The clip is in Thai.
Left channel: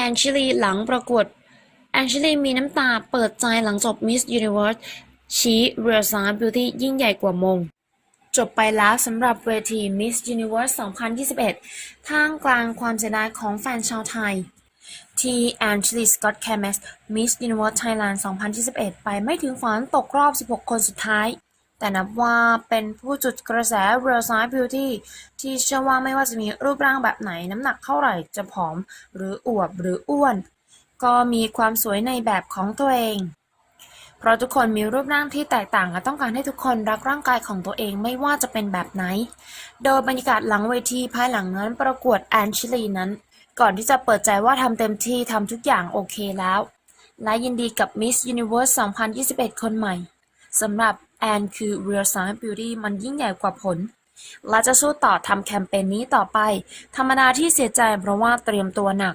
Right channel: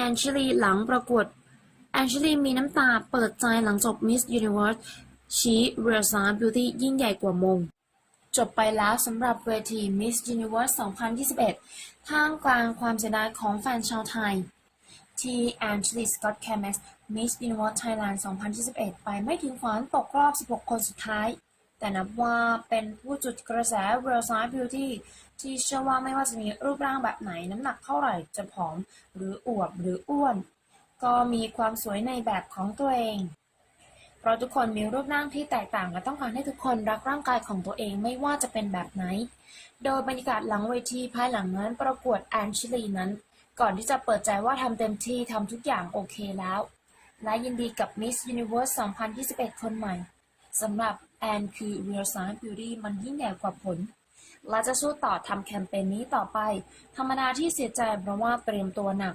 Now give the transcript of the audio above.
แอนชิลีหลังประกวดแอนชิลีมีน้ำตาเปิดใจหลังจบ Miss Universe ชี้เรียลไซน์บิวตี้ยิ่งใหญ่กว่ามง จบไปแล้วสำหรับเวที Miss Universe 2021 ท่ามกลางความเสียดายของแฟนชาวไทย ที่แอนชลีสกอตแคม s Miss Universe Thailand 2021 ไปไม่ถึงฝันตกรอบ 16 คนสุดท้าย แต่นับว่าเป็นผู้จุดกระแส Real Size Beauty ที่เชื่อว่าไม่ว่าจะมีรูปร่างแบบไหนน้ำหนักเท่าไหร่จะผอม หรืออวบหรืออ้วน ก็มีความสวยในแบบของตัวเอง เพราะทุกคนมีรูปร่างที่แตกต่างและต้องการให้ทุกคนรักร่างกายของตัวเองไม่ว่าจะเป็นแบบไหน โดยบรรยากาศหลังเวทีภายหลังนั้นประกวดแอนชิลีนั้น ก่อนที่จะเปิดใจว่าทำเต็มที่ทำทุกอย่างโอเคแล้ว และยินดีกับ Miss Universe 2021 คนใหม่สำหรับ แอนคือ Real Size Beauty มันยิ่งใหญ่กว่าผลและจะสู้ต่อทำแคมเปญนี้ต่อไป ธรรมดาที่เสียใจเพราะว่าเตรียมตัวหนัก